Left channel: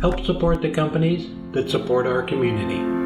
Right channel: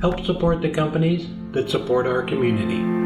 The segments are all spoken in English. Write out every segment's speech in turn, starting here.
Help support the companies that support our community.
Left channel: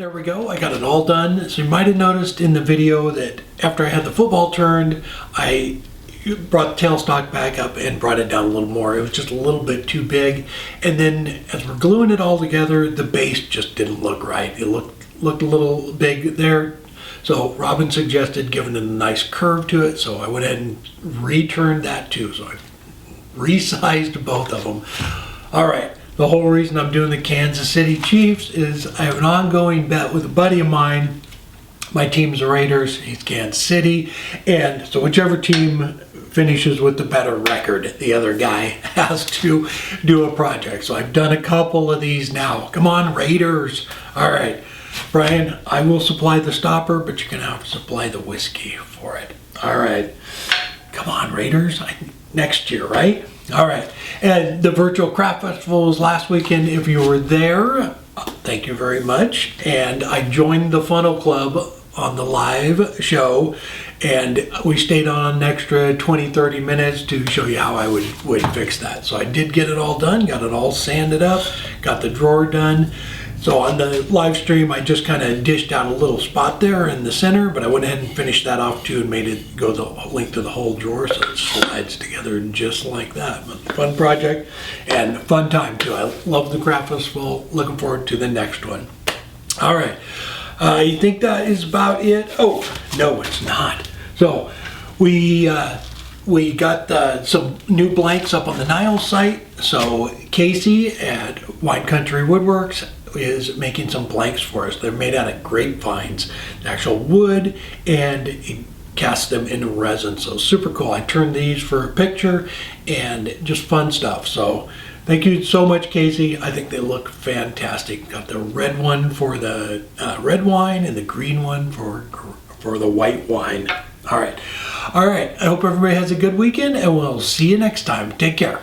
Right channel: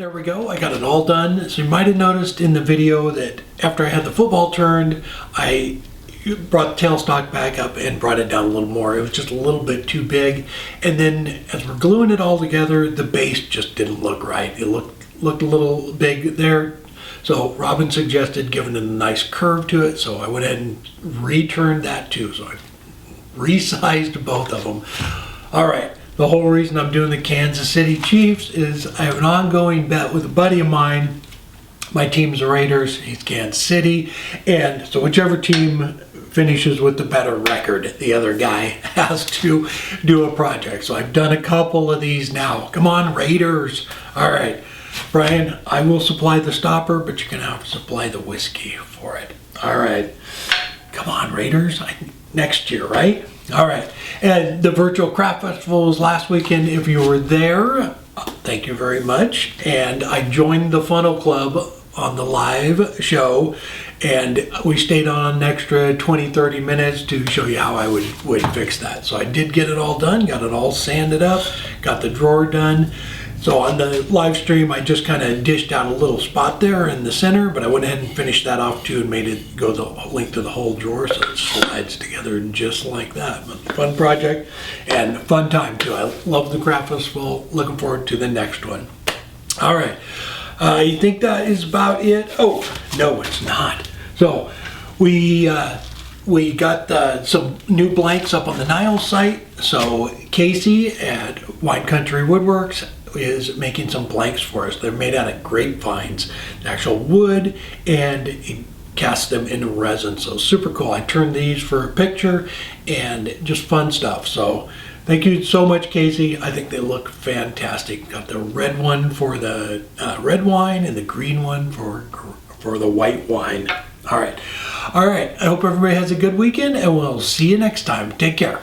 There we go. I got it all done. So you might have noticed in the video that after I had the football turned, I brought the tailstock back up and brought it down a little more. It was just a little bit too big. And then as we're gluing it all together, the base just didn't look right. It looked a little big there. So Robin suggested giving it a nice curve to it. So I went ahead and returned that too. So I resized both of them. All right. The whole reason I'm doing the Kansas City Chiefs is I have an ongoing bet with a buddy of mine. My team's the Raiders, he's Kansas City, and so whichever team finishes with the better record, the other guy has to do a project. So I've done a couple of these now. Come on, Raiders. All right, Brian, I will supply the stopper, but you're going to have to supply the whiskey for it. All right. Come on, Raiders. Next year, right? All right. And the virtual craft festival was last weekend. If you were there, thank you very much. And I joined the Funnel Club on the live show, and we stayed on an extra 20-30 minutes to show you how I would fix that. So I did get it all done, got it all sanded up, got the drawer done. So on the live stream, I just kind of dished out a little spot there in the center, but I went ahead and finished that off too and made it go the length of the whole drawer so it slides together just like that. But fun project and fun time too. I love the craft festival. Looking forward to the next one. All right. You think that is about it? Oh, no, it's not. So we got some new blanks up on the Niles site. So Casey at Wine Country Woodworks is making some blanks for us. They're made out of grapevines, actual wood, and he cast them into resin. So super cool. I turned these for a picture and just fun stuff. So thank you so much, Casey. I think they look fantastic. Got the red one for the red wine and the green one for the white wine. All right. I hope everybody has a good weekend, and we'll see you next time. Take care.